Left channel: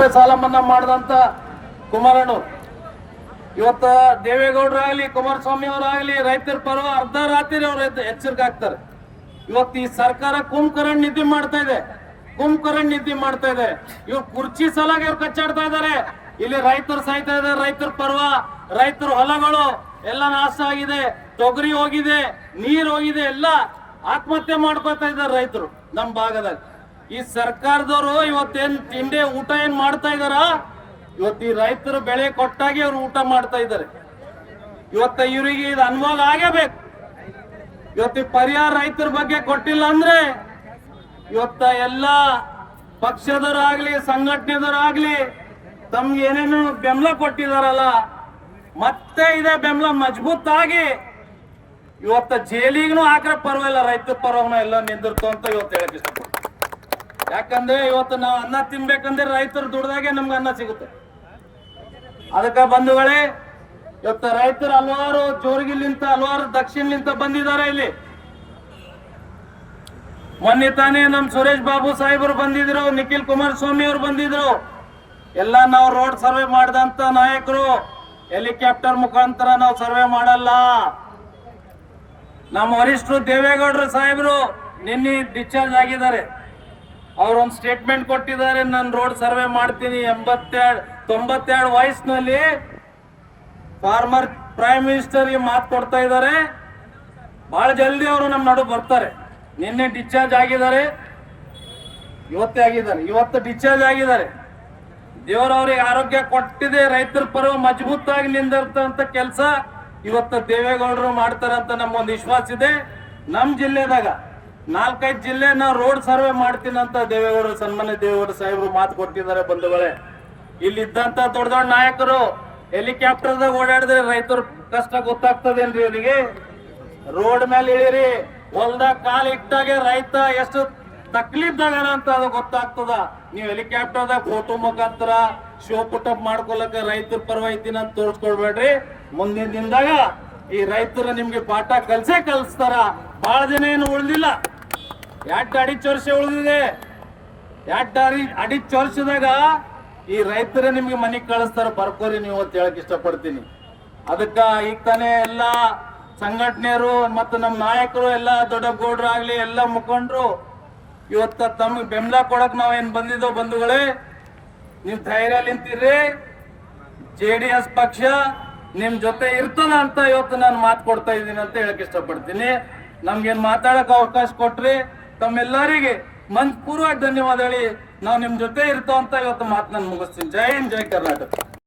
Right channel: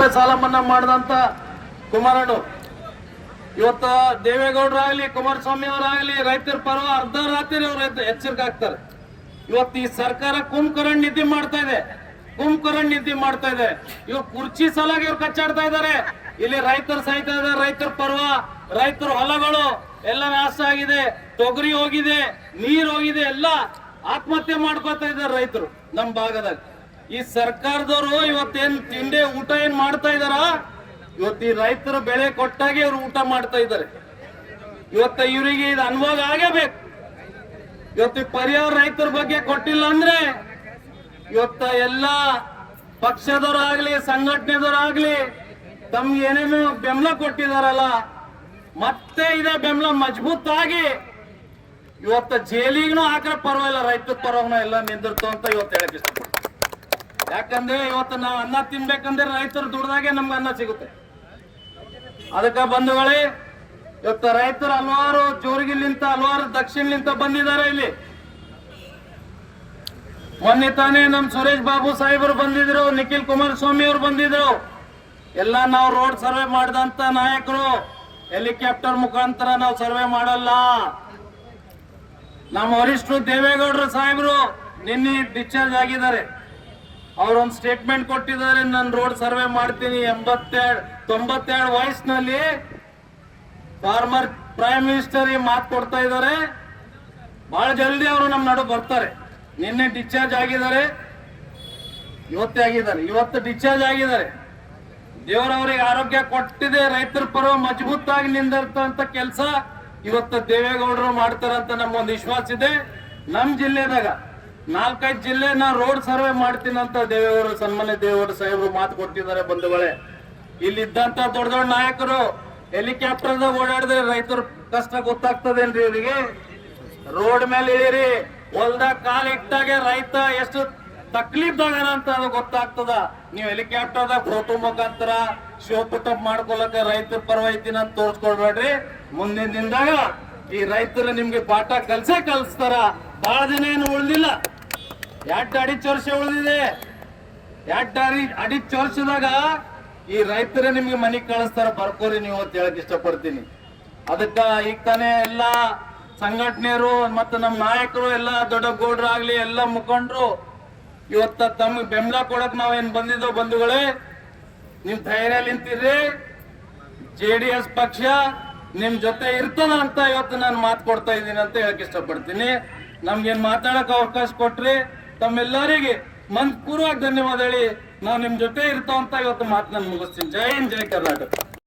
ರೂಪಾಯಿ ಸಾಲ ಮನ್ನಾ ಮಾಡಿದಂತ ಕುಮಾರಣ್ಣ. ಇವತ್ತ ದೇವೇಗೌಡರಾಗ್ಲಿ ಕುಮಾರಸ್ವಾಮಿ ಅವರಾಗ್ಲಿ ರೈತರ ಪರ ಅರ್ಧ ರಾತ್ರಿ ಅವ್ರ ಎಚ್ಚರಿಕೆ ಆಗ್ತಾರೆ ಇವತ್ತು ಈ ಸರ್ಕಾರ ಕುಂಭಕರಣ್ ನಿದ್ದೆ ಮಾಡ್ತಾ ಇದೆ. ಕುಂಭಕರಣ್ ನಿದ್ದೆ ಮಾಡ್ತಾ ಇದೆ. ಇವ್ರು ಕುರ್ಚಿ ಸಲಾಗಿ ಇವ್ರು ಕಚ್ಚಾಡ್ತಾ ಇದ್ದಾರೆ ಇಲ್ಲಿ ರೈತರು ಸಾಯ್ತಾ ಇದ್ದಾರೆ ರೈತರ ಪರ್ವ, ರೈತರ ಹೊಲಗಳು, ಎಲ್ಲ ನಾಶ ಆಗಿದೆ. ತೊಗರಿ ಹೋಗಿದೆ, ನೀರ್ ಹೋಗಿದೆ, ಎಲ್ಲ ಆತ್ಮಹತ್ಯೆ ಮಾಡ್ಕೊತಾ ಇದ್ದಾರೆ ರೈತರು ನಮ್ಮ ಭಾಗದಾಗ. ಈ ಸರ್ಕಾರದವರು ಇವತ್ತೇನ್ ತಿಂಡಿ ಊಟ ಏನ್ ಮಾಡ್ತಾ ಇದಾರ? ಇವತ್ತು ಈ ರೈತರು ಬೆಳೆ ಕೊಟ್ಟಾಗಿ ಅವ್ರು ಊಟ ಮಾಡ್ತಾ ಇದ್ದಾರೆ. ಇವತ್ತ ಇವರಿಗೆ ಇದು ಅನುಭವ ಆಗಬೇಕು ಇವತ್ತು ಪರಿಹಾರ ರೈತರ ಬಗ್ಗೆ ಕೊಟ್ಟಿಲ್ಲ ಅಂದ್ರೆ ಇವತ್ತ ಎಲ್ಲ ಪಕ್ಷದವರಾಗ್ಲಿ, ಸಂಘಟನೆದವರಾಗ್ಲಿ ತಮ್ಗೆ ಏನೇನು ಬೆಂಬಲ ಕೊಟ್ಟಿದಾರಲ್ಲ, ಮತ್ತೆ ಇದೇ ಬೆಂಬಲ ಮಜಬೂತ್ ಆಗಿ ಇವತ್ತ ಜೈಲಿಗೂ ಹಾಕ್ರೆ ಪರವಾಗಿಲ್ಲ, ರೈತರ ಪರವನ ಎಲ್ಲ ನಿಂದಿರ್ತು ಅಂತ ಇವತ್ತು ಹೇಳಕ್ ಇಷ್ಟಪಡ್ತೀನಿ. ಯಾಕಂದ್ರೆ ಇವತ್ತು ನಾವು ಅನ್ನ ತಿನ್ಬೇಕಂದ್ರೆ ರೈತರು ದುಡ್ದಾಗೆ ನಮ್ಗೆ ಅನ್ನ ಸಿಗುತ್ತೆ. ಅದಕ್ಕ ಬಂಧುಗಳೇ, ಇವತ್ತು ರೈತರು ಹಲವಾರು ಜೋರಿಗಿಲ್ಲಿಂತ ಹಲವಾರು ದಕ್ಷಿಣಲಿಂತ ಬಂದಿದ್ದಾರೆ ಇಲ್ಲಿ. ಮೊನ್ನೆ ತಾನೇ ನಮ್ ಸುರೇಶ್ ಬಾಬು ಸಾಹೇಬರು ಬಂದಿದ್ರು, ನಿಖಿಲ್ ಕುಮಾರಸ್ವಾಮಿ ಅವರು ಬಂದಿದ್ರು. ಎಲ್ಲ ನಾವು ರೋಡ್ ಸರ್ವೆ ಮಾಡಿದಂತ ನಾಯಕರು, ಹೆಲಿಕಾಪ್ಟರ್ ಮುಖಾಂತರ ನಾವು ಸರ್ವೆ ಮಾಡಲ್ಲ. ನಮ್ಮ ವರಿಷ್ಠರು ದೇವೇಗೌಡರು ಸಾಹೇಬರು ನಿನ್ನೆ ಡಿಸ್ಚಾರ್ಜ್ ಆಗಿದ್ದಾರೆ. ಅವ್ರೊಂದು ಸ್ಟೇಟ್ಮೆಂಟ್ ಕೊಟ್ಟಿದ್ದಾರೆ, ನಾನು ರೋಡ್ ಸರ್ವೆ ಮಾಡ್ತೀನಿ ಎಂಬತ್ತೆರಡು ತೊಂಬತ್ತೆರಡು ವಯಸ್ಸಿನಲ್ಲಿ ಫಾರ್ಮರ್ ಪ್ರೈಮ್ ಮಿನಿಸ್ಟರ್ ಮಾತು ಕೊಡ್ತಾ ಇದ್ದಾರೆ. ಬಹಳ ಜಲ್ದಿ ಅವರು ನಮ್ಮ ನಡು ಬರ್ತಾರೆ. ನಿನ್ನೆ ಡಿಸ್ಚಾರ್ಜ್ ಆಗಿದ್ದಾರೆ. ಇವತ್ತೇ ಆಗಿದ್ದಾರೆ. ಇವತ್ತು ಡಿಸ್ಚಾರ್ಜ್ ಆಗಿದ್ದಾರೆ. ದೇವರವ್ರಿಗೆ ಆರೋಗ್ಯ ಕೊಟ್ಟಿದೆ, ರೈತರ ಪರ್ವ ಮಜಬೂತಾಗಿ ನಿಂದಿರ್ತಂತ ಕೆಲಸ ಇವತ್ತು ದೇವೇಗೌಡರು ಮಾಡ್ತಾರಂತ ನಮ್ಮೊಂದು ವಿಶ್ವಾಸ ಇದೆ. ನಮ್ಮ ಜಿಲ್ಲೆದಾಗ ನಾಲ್ಕೈದು ಜಿಲ್ಲೆ ನಾ ರೋಡ್ ಸರ್ವೆ ಮಾಡ್ತೀನಂತ ದೇವೇಗೌಡರು ಸನ್ಮಾನ್ಯ ದೇವೇಗೌಡ ಸಾಹೇಬರು ಮಾತು ಕೊಟ್ಟಿದ್ದಾರೆ ಬಂಧುಗಳೇ. ಇಲ್ಲಿ ಇದ್ದಂತ ದೊಡ್ಡ ದೊಡ್ಡ ನಾಯಕರು ಹೆಲಿಕಾಪ್ಟರ್ದಾಗ ಓಡಾಡಿದ್ರೆ ರೈತರ ಕಷ್ಟ ಗೊತ್ತಾಗ್ತದೇನ್ರಿ ಅವರಿಗೆ? ರೋಡ್ ಮೇಲೆ ಇಳಿರಿ ಹೊಲ್ದಾಗ ಕಾಲ್ ಇಟ್ಟಾಗೆ ರೈತ ಎಷ್ಟು ತಕ್ಲೀಫ್ದಾಗ ಅಂತ ಅದು ಗೊತ್ತಾಗ್ತದ. ನೀವು ಹೆಲಿಕಾಪ್ಟರ್ದಾಗ ಫೋಟೋ ಮುಖಾಂತರ ಶೋ ಪುಟಪ್ ಮಾಡ್ಕೊಳಕ ರೈತರ ಪರವಾಗಿ ಅಂತ ತೋರ್ಸ್ಕೊಳ್ಬೇಡ್ರಿ. ಮುಂದಿನ ದಿನದಾಗ ಈ ರೈತರು ನಿಮ್ಗೆ ಪಾಠ ಕಲ್ಸೇ ಕಲಿಸ್ತಾರ. ಬಹಳ ದಿನ ಏನು ಉಳ್ದಿಲ್ಲ. ಎರಡು ಅಡಿ ವರ್ಷ ಉಳಿದಿದೆ. ಎರಡು ಅಡಿ ವರ್ಷದಾಗ ಈ ರೈತರೇ ನಿಮ್ಗೆ ಮನೆಗೆ ಕಳಿಸ್ತಾರ, ಬರ್ಕೋರಿ ನೀವು ಅಂತ ಹೇಳಕ್ ಇಷ್ಟಪಡ್ತೀನಿ. ಅದಕ್ಕ ಈಗ ತಾನೇ ಎಲ್ಲ ಸಂಘಟನೆಯರು ಮತ್ತು ನಮ್ಮ ನಾಯಕರು, ಎಲ್ಲ ದೊಡ್ಡ ಗೌಡ್ರು ಆಗ್ಲಿ, ಎಲ್ಲ ಮುಖಂಡರು, ಇವತ್ತ ತಮ್ಗೆ ಬೆಂಬಲ ಕೊಡಕ್ ನಾವೇನ್ ಬಂದಿದ್ದೋ ಬಂಧುಗಳೇ, ನೀವು ಧೈರ್ಯ ನಿಂತಿರ್ರಿ. ಜೆ ಡಿ ಎಸ್ ಪಕ್ಷ ನಿಮ್ ಜೊತೆ ಇರ್ತದ ಅಂತ ಇವತ್ತು ನಾನು ಮಾತು ಕೊಡ್ತಾ ಇದ್ದೀನಿ ಅಂತ ಹೇಳಕ್ ಇಷ್ಟಪಡ್ತೀನಿ. ನಮ್ಗೇನು ಮಾತಾಡಕ್ ಅವಕಾಶ ಕೊಟ್ರಿ. ತಮ್ಮೆಲ್ಲರಿಗೆ ಮನ್ಪೂರ್ವಾಗಿ ಧನ್ಯವಾದ ಹೇಳಿ ನಾವು ನಿಮ್ಮ ಜೊತೆ ಇರ್ತಾವಂತ ಇವತ್ತು ಮಾತು ನಾನು ಮುಗಿಸ್ತೀನಿ. ಜೈ ಹಿಂದ್, ಜೈ ಕರ್ನಾಟಕ.